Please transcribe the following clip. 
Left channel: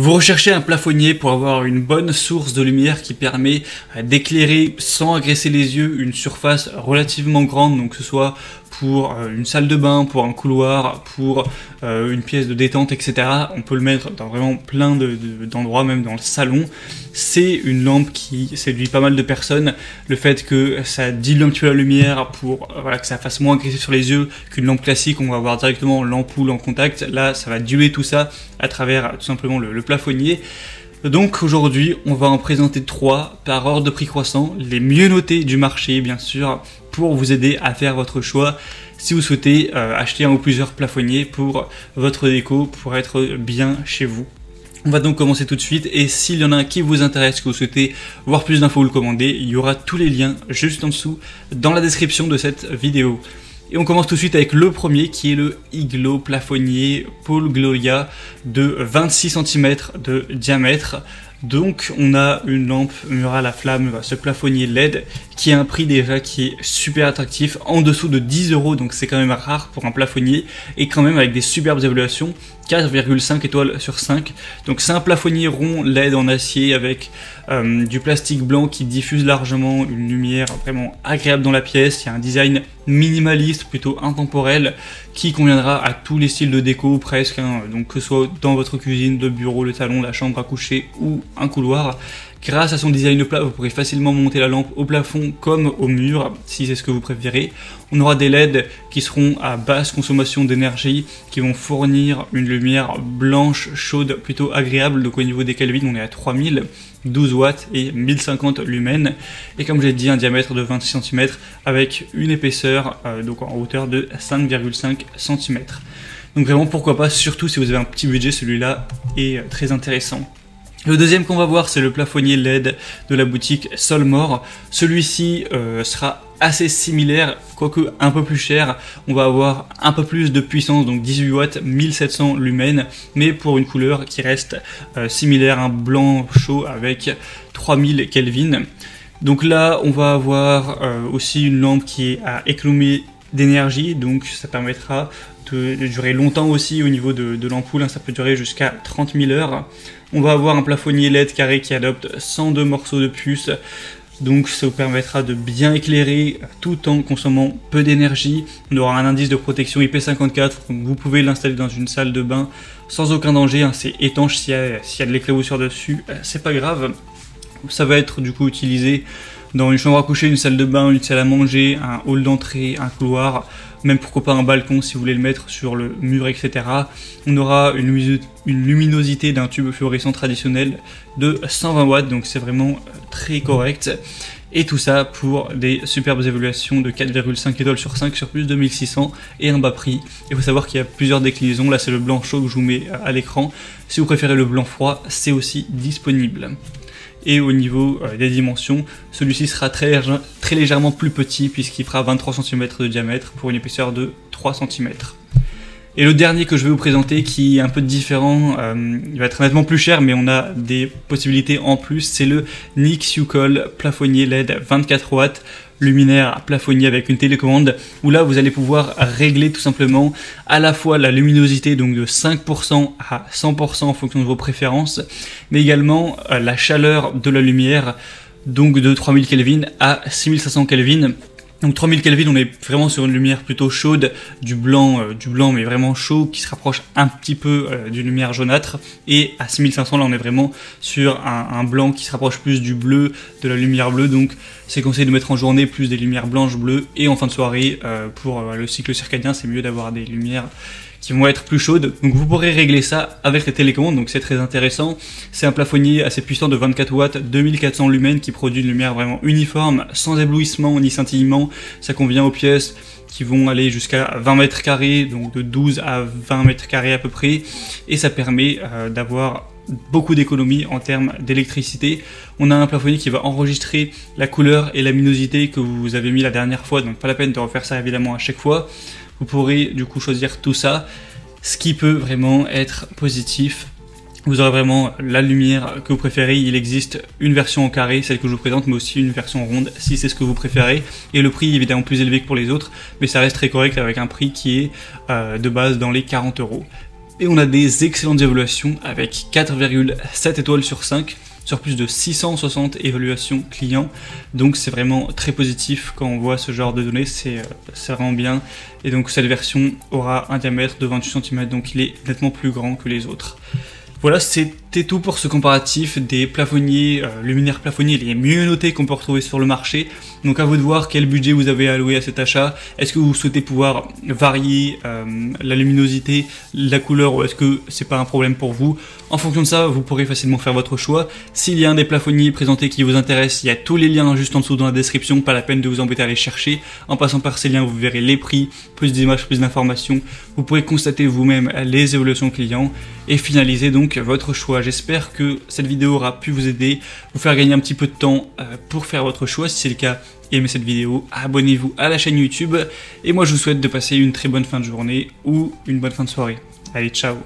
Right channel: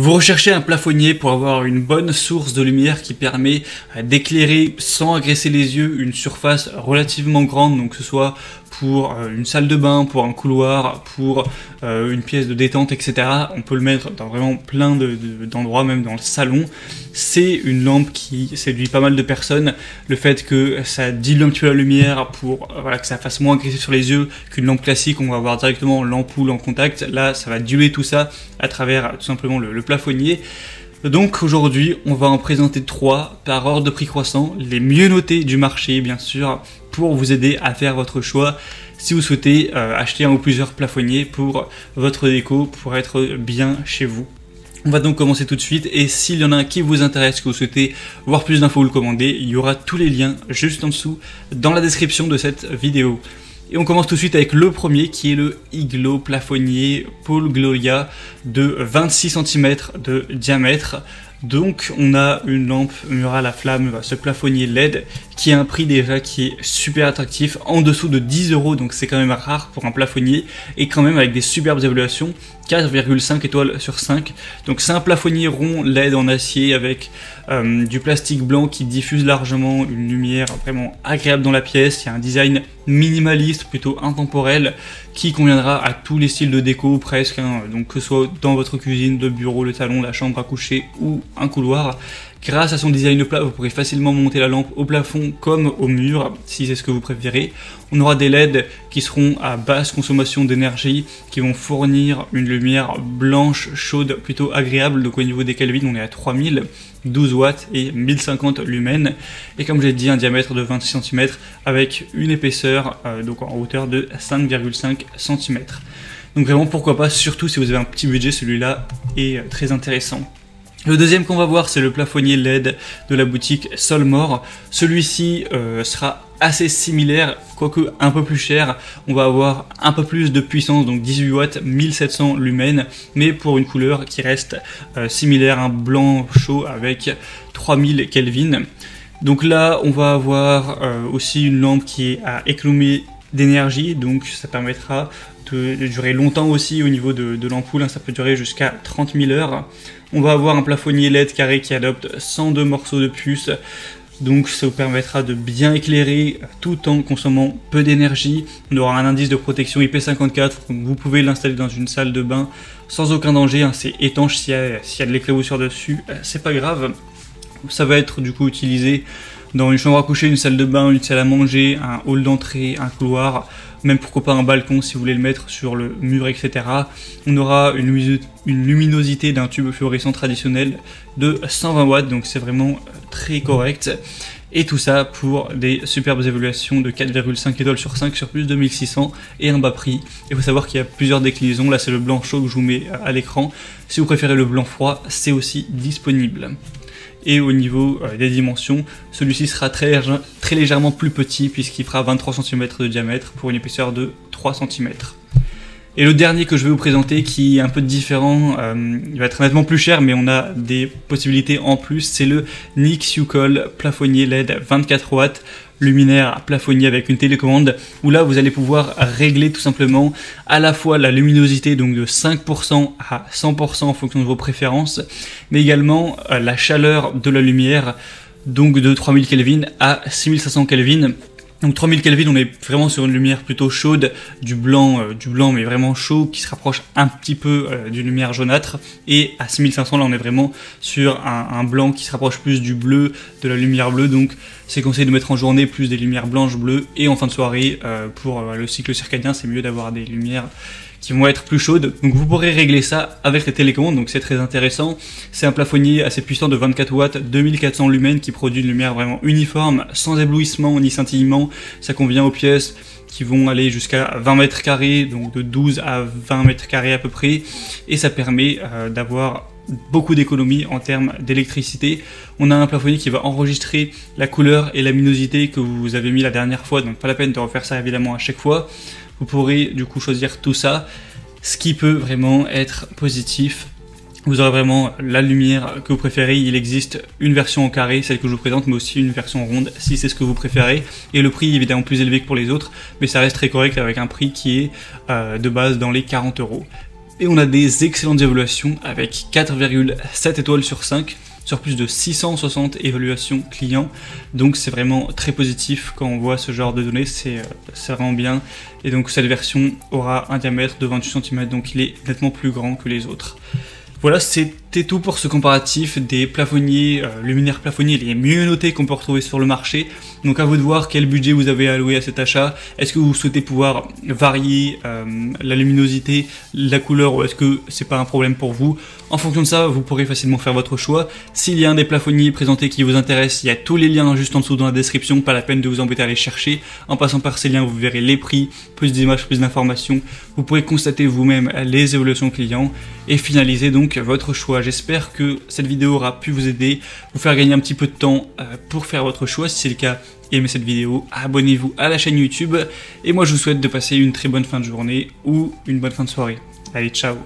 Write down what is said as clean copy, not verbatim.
Vous recherchez un plafonnier pour avoir une bonne source de lumière qui permet d'éclairer sans agresser les yeux une surface relativement grande, donc que ce soit pour une salle de bain, pour un couloir, pour une pièce de détente, etc. On peut le mettre dans vraiment plein d'endroits, même dans le salon. C'est une lampe qui séduit pas mal de personnes. Le fait que ça dilue un petit peu la lumière pour que ça fasse moins agressif sur les yeux qu'une lampe classique, on va avoir directement l'ampoule en contact. Là, ça va diluer tout ça à travers tout simplement le plafonnier. Donc aujourd'hui, on va en présenter 3 par ordre de prix croissant, les mieux notés du marché bien sûr, pour vous aider à faire votre choix si vous souhaitez acheter un ou plusieurs plafonniers pour votre déco, pour être bien chez vous. On va donc commencer tout de suite, et s'il y en a un qui vous intéresse, que vous souhaitez voir plus d'infos ou le commander, il y aura tous les liens juste en dessous dans la description de cette vidéo. Et on commence tout de suite avec le premier qui est le Iglo plafonnier Poolgloya de 26 cm de diamètre. Donc on a une lampe murale à flamme, ce plafonnier LED qui a un prix déjà qui est super attractif, en dessous de 10 €, donc c'est quand même rare pour un plafonnier, et quand même avec des superbes évaluations, 4,5 étoiles sur 5. Donc c'est un plafonnier rond LED en acier avec du plastique blanc qui diffuse largement une lumière vraiment agréable dans la pièce. Il y a un design minimaliste, plutôt intemporel, qui conviendra à tous les styles de déco presque, hein. Donc que ce soit dans votre cuisine, le bureau, le salon, la chambre à coucher ou un couloir. Grâce à son design plat, vous pourrez facilement monter la lampe au plafond comme au mur, si c'est ce que vous préférez. On aura des LED qui seront à basse consommation d'énergie, qui vont fournir une lumière blanche, chaude, plutôt agréable. Donc au niveau des Kelvin, on est à 3000, 12 watts et 1050 lumens. Et comme j'ai dit, un diamètre de 26 cm avec une épaisseur donc en hauteur de 5,5 cm. Donc vraiment, pourquoi pas, surtout si vous avez un petit budget, celui-là est très intéressant. Le deuxième qu'on va voir, c'est le plafonnier LED de la boutique Solmor. Celui-ci sera assez similaire, quoique un peu plus cher. On va avoir un peu plus de puissance, donc 18 watts, 1700 lumens, mais pour une couleur qui reste similaire, un blanc chaud avec 3000 Kelvin. Donc là, on va avoir aussi une lampe qui est à économie d'énergie, donc ça permettra de durer longtemps aussi au niveau de l'ampoule, hein, ça peut durer jusqu'à 30 000 heures. On va avoir un plafonnier LED carré qui adopte 102 morceaux de puce, donc ça vous permettra de bien éclairer tout en consommant peu d'énergie. On aura un indice de protection IP54, donc vous pouvez l'installer dans une salle de bain sans aucun danger, hein, c'est étanche. S'il y a de l'éclaboussure dessus, c'est pas grave. Ça va être du coup utilisé dans une chambre à coucher, une salle de bain, une salle à manger, un hall d'entrée, un couloir, même pourquoi pas un balcon si vous voulez le mettre sur le mur, etc. On aura une luminosité d'un tube fluorescent traditionnel de 120 watts, donc c'est vraiment très correct. Et tout ça pour des superbes évaluations de 4,5 étoiles sur 5 sur plus de 1600 et un bas prix. Il faut savoir qu'il y a plusieurs déclinaisons. Là c'est le blanc chaud que je vous mets à l'écran. Si vous préférez le blanc froid, c'est aussi disponible. Et au niveau des dimensions, celui-ci sera très légèrement plus petit puisqu'il fera 23 cm de diamètre pour une épaisseur de 3 cm. Et le dernier que je vais vous présenter, qui est un peu différent, il va être nettement plus cher, mais on a des possibilités en plus, c'est le Nixucol plafonnier LED 24 watts, luminaire plafonnier avec une télécommande, où là vous allez pouvoir régler tout simplement à la fois la luminosité, donc de 5% à 100% en fonction de vos préférences, mais également la chaleur de la lumière, donc de 3000 Kelvin à 6500 Kelvin. Donc 3000 Kelvin, on est vraiment sur une lumière plutôt chaude, du blanc mais vraiment chaud, qui se rapproche un petit peu d'une lumière jaunâtre. Et à 6500, là on est vraiment sur un blanc qui se rapproche plus du bleu, de la lumière bleue. Donc c'est conseillé de mettre en journée plus des lumières blanches, bleues, et en fin de soirée, pour le cycle circadien, c'est mieux d'avoir des lumières qui vont être plus chaudes. Donc vous pourrez régler ça avec les télécommandes, donc c'est très intéressant. C'est un plafonnier assez puissant de 24 watts, 2400 lumens, qui produit une lumière vraiment uniforme, sans éblouissement ni scintillement. Ça convient aux pièces qui vont aller jusqu'à 20 mètres carrés, donc de 12 à 20 mètres carrés à peu près, et ça permet d'avoir beaucoup d'économies en termes d'électricité. On a un plafonnier qui va enregistrer la couleur et la luminosité que vous avez mis la dernière fois, donc pas la peine de refaire ça évidemment à chaque fois. Vous pourrez du coup choisir tout ça, ce qui peut vraiment être positif. Vous aurez vraiment la lumière que vous préférez. Il existe une version en carré, celle que je vous présente, mais aussi une version ronde si c'est ce que vous préférez. Et le prix est évidemment plus élevé que pour les autres, mais ça reste très correct avec un prix qui est de base dans les 40 €. Et on a des excellentes évaluations avec 4,7 étoiles sur 5 sur plus de 660 évaluations clients. Donc c'est vraiment très positif quand on voit ce genre de données, ça rend bien. Et donc cette version aura un diamètre de 28 cm, donc il est nettement plus grand que les autres. Voilà, c'était tout pour ce comparatif des plafonniers, luminaires plafonniers les mieux notés qu'on peut retrouver sur le marché. Donc à vous de voir quel budget vous avez alloué à cet achat. Est-ce que vous souhaitez pouvoir varier la luminosité, la couleur, ou est-ce que c'est pas un problème pour vous? En fonction de ça, vous pourrez facilement faire votre choix. S'il y a un des plafonniers présentés qui vous intéresse, il y a tous les liens juste en dessous dans la description, pas la peine de vous embêter à les chercher. En passant par ces liens, vous verrez les prix, plus d'images, plus d'informations. Vous pourrez constater vous-même les évolutions clients et finaliser donc votre choix. J'espère que cette vidéo aura pu vous aider, vous faire gagner un petit peu de temps pour faire votre choix. Si c'est le cas, abonnez-vous à la chaîne YouTube. Et moi, je vous souhaite de passer une très bonne fin de journée ou une bonne fin de soirée. Allez, ciao!